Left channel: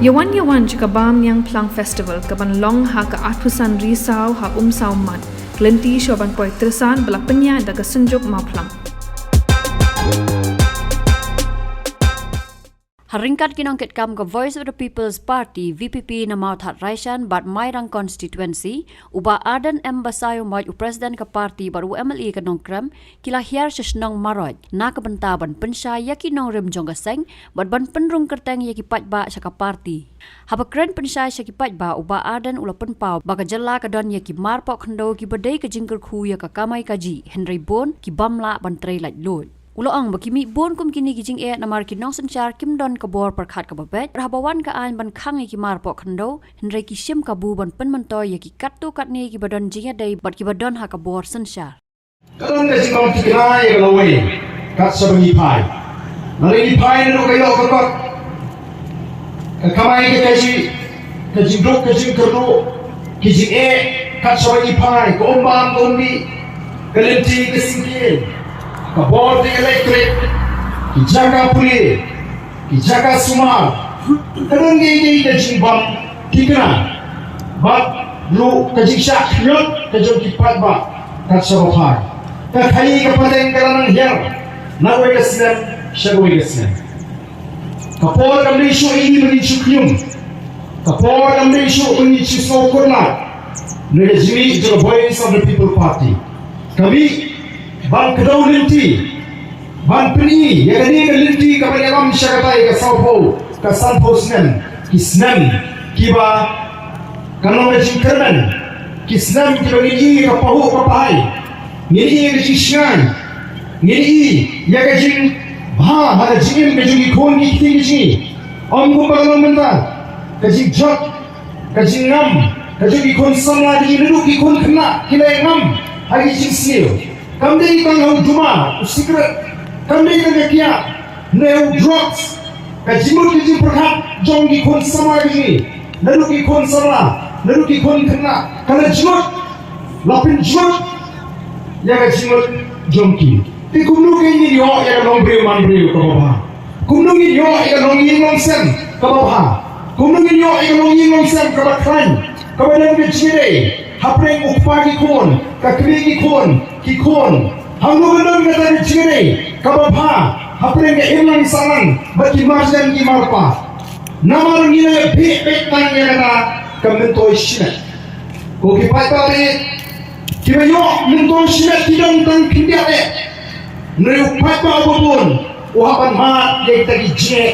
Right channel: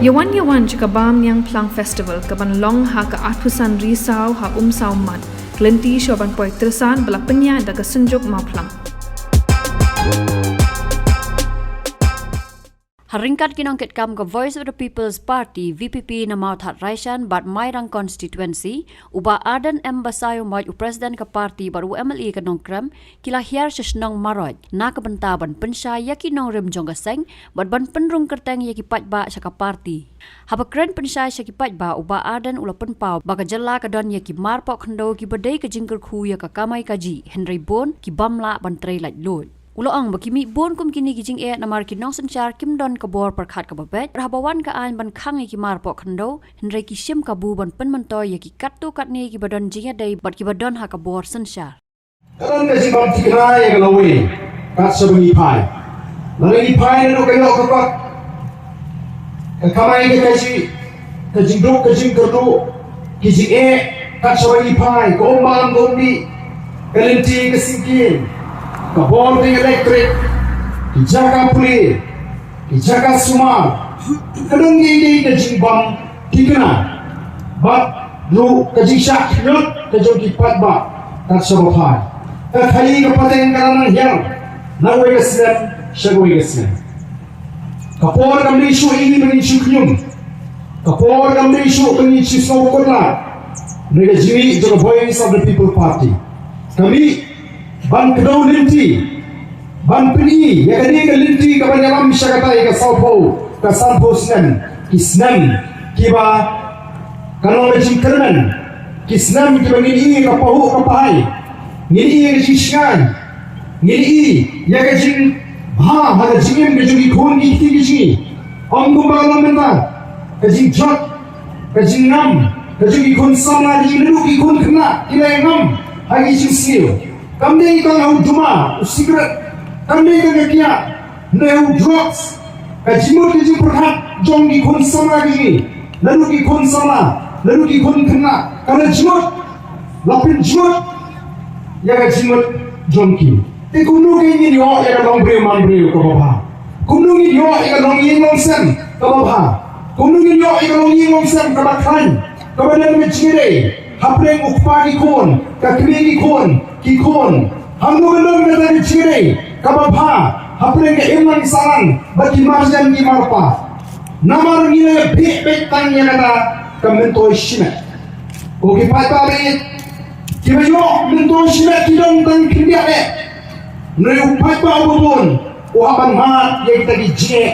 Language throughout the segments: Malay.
Yawan jika bam yang Plang Festival kaban long ha ka atusan risau ha umsau man kelenti syoban poi tersan bela penya da ka senjuk mau Plang. Haringkat kinongket kam ke Voice of the People's Party VPP na maut hat Raishan bat Mairang constituency uba Ardent embasayo maj u president ke parti baru MLE ke nongkram kila hiar sesnong maroj na ke bentaban pensya yaki nong rem jong gaseng bat ban penrung kerteng yaki pajba syaka parti haba kren pensya syaki pajba uba Ardent ula penpau baka jela ke don yaki marpok khendo ki badai ke jingker khu ya ka kamai kaji Henry Bon ki bamla ban trei laj loj Uloang bakimi bon kum kini kijing namar kinong sanchar kim don kabor perkhat kababet rahabawan ka an ban Khang ki marpo khando Henry ki sim kabu ban penmentoy yaki kattu katni ki badon Jingïadei bat ki badon ha kabor sanchar Kan na si kong tikrai ka lawi kat sa bangi pai nalagi pai no kayo ko ba kamay ka ka jingdok ka jingkaro kijing kat sa bangi pai ko mam gondi kalenti ka singkin Kabor di elektrik, dijaga pulih, dijaga semua. Kerana ini kejimbang tiga, bab lu kejisah hidup kejauh kipat bab tak serupai. Khaïi kepada yang kerana hilang, nawe kesem, syagwe kesem. Kapor kami isu ini mengisu kium, kapor kami isu mengisu sawkurna. Negeri the Voice of the People Party. Kami Ban kedau linti, ban peni, yang tadi ke linti kepada yang Shillong ke Sampo Snem, Kisnem, Kiba, kalau macam keren, Kisnem kita ngini ke pahu ke pai, ngini ke sisyan, ngini yang kecing, ada jingin kecing ikon di tinggi sini, kumpul mental, kecing jot, kecing ngam, kecing ikon sama di neruk ikon kena, kena ngam, lagi jing skill. Kami kan au cuma cigarette, kami kan kia, nau drugs, kajimut kajim perhat, jong di kon sama lagi, lalu di kon sama, lalu di kon kena, karena jimut, lapin jimut, ya kajimut jongki. Tapi kumno ini dia yang orang bereman beri ke bawah, kumno ini dia yang orang yang sen ke bawah, kumno ini dia yang orang yang sen ke bawah, kepada Jingïadei. Hapreng upagi kon, kakringi kon, kikon. Hangu gendam kata Jingïadei, kababha. Hapreng ke iman saran, bagi masjid di marpa. Namar ngine bik tanya kata kementoi simet. Koki paipa be, kibayo mentoi simet tidong tang kindiak Neu paipa abubun, uhaban mat yang kita gijek,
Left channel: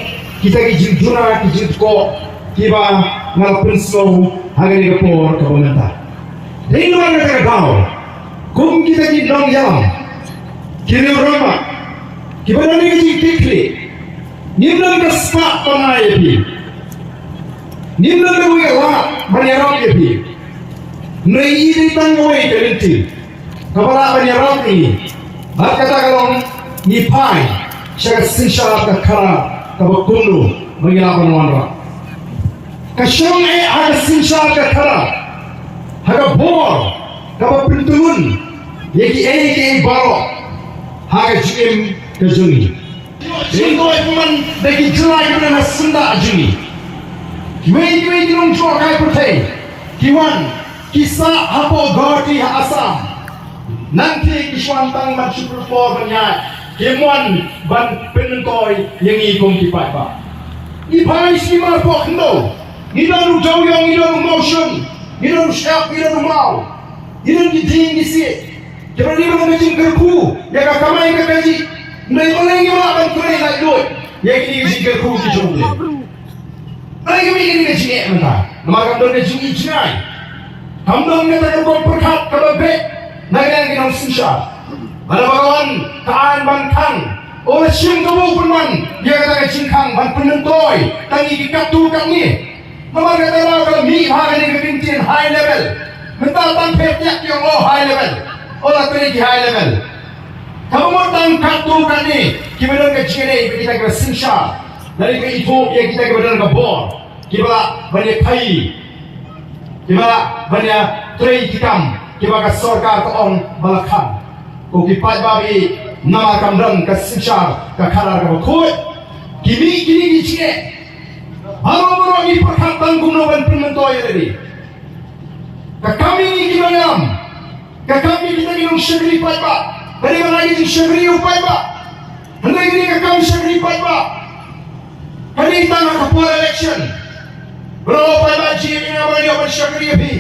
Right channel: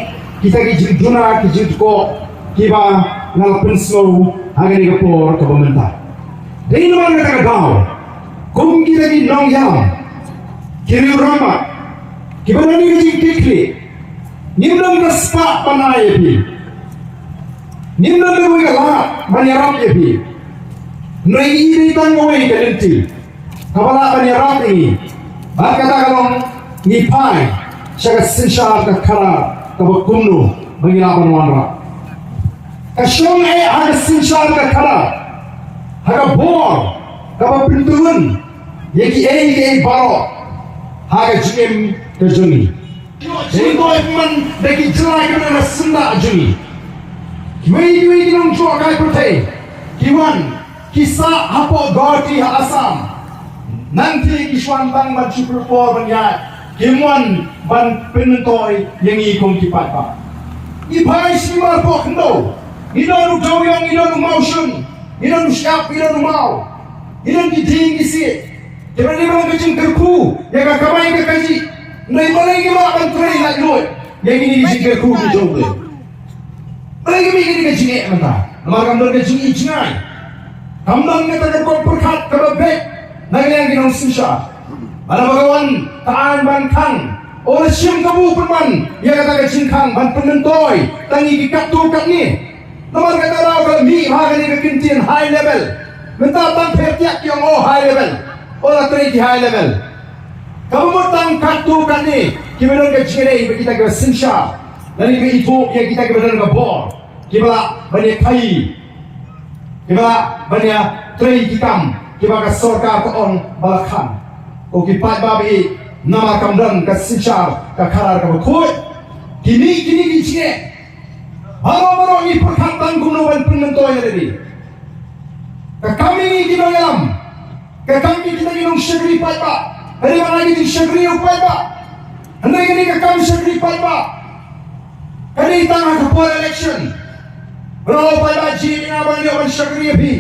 kita gijinjuna, gijitko, kiba ngalapun slow, hangani kapor kabamenta. Dari luar negara kau, kum kita di nong yang, kini orang, kita ni kita kikli, ni belum kesepak mana ye ni belum boleh kalah mana orang ye Nai ini tangoi kelenti, kepala mana orang ini, kata kalau ni pai, saya sensyar kekara, kalau kumlu mengilapan orang. Kesyong ada sensyar kekara. Haga bor, kapa pintuun, yaki baro, haga jim kejungi. Jadi man bagi julai mana senda jungi. Kiwei nong cua kai putih, kiwan kisah apa gati asam. Nanti kiswan tang bersyukur for banyak, kiwan ban penentoi yang ikung kipat pak. Ipai si marpok no, ino jauh yang ino motion. Ilan siap, ilan mau, ilan giting gisi. Jadi ni orang kecil kerku, yang kamai kekaji, mereka lagi orang bantuan yang luar, yang ini gisi kerku tu jauh. Mereka ini gisi ni mana? Nama kami gisi ijnai. Kami ni tak ada perkat kalau bet, naik yang kita susah. Ada bagawan taan ban Khang, orang siam kamu pun ban, dia kata gisi Khang ban penentoi, tangi katu kami. Nama kata lah kalau mi harga ni kekincian high level, minta tang petiak yang high level, orang teriki high level. Kamu mau tang katu kan ni, kita nak Jingïadei kita kena sinsha, nanti kita itu yang kita kena dengan bor, kita banyak Khaïi, kita banyak teri hitam, kita ke sorga ke orang balakang, kau kipat babi nama kamran ke sinsha ke karar ke betul, kini Jingïadei. Halo toy ni. Kami kinayam. Kami kita ginong sugri pa ba. Hari man lagi yung sugri upay ba. Ano yung kami sugri pa ba. Hari tang kapwa election. Belum pa ba jiri nga ba yung sugri pi.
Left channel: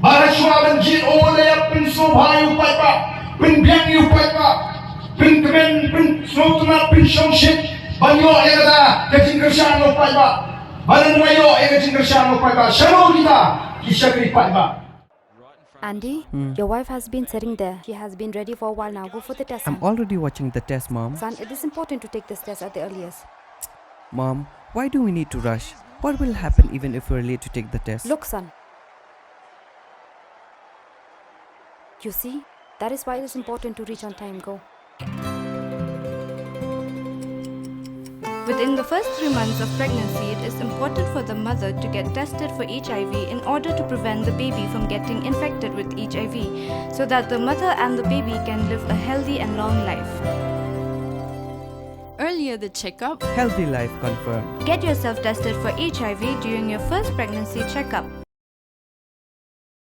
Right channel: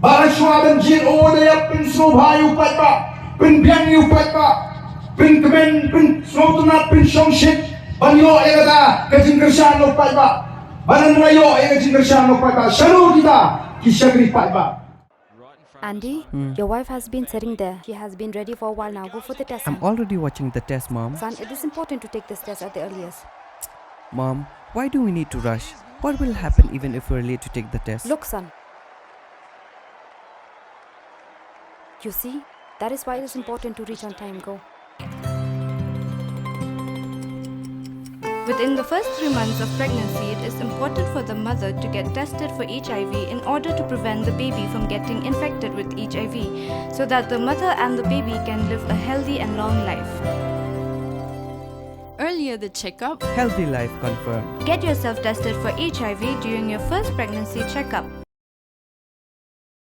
Para suwaban jiri o layak pin subhayo pa ba. Pin biang yung pa ba. Pin kemen pin smotumat pin shongship. Banyo ayada kajing kersyano pa ba. Balan layo ay kajing kersyano pa ba. Shalo kita kisagri pa ba. Andy, your wife has been sitting there. She has been ready for a while now. Go for the test. I'm already watching the test, Mom. Son, it is important to take this test at the earliest. Mom, why do we need to rush? What will happen even if we're late to take the test? Look, son. You see, that is why it is important to reach on time. Go. Within the first 3 months of pregnancy, it is important for the mother to get tested for HIV in order to prevent the baby from getting infected with HIV, so that the mother and the baby can live a healthy and long life. Earlier the checkup. Healthy life confirmed. Get yourself tested for HIV during your first pregnancy checkup.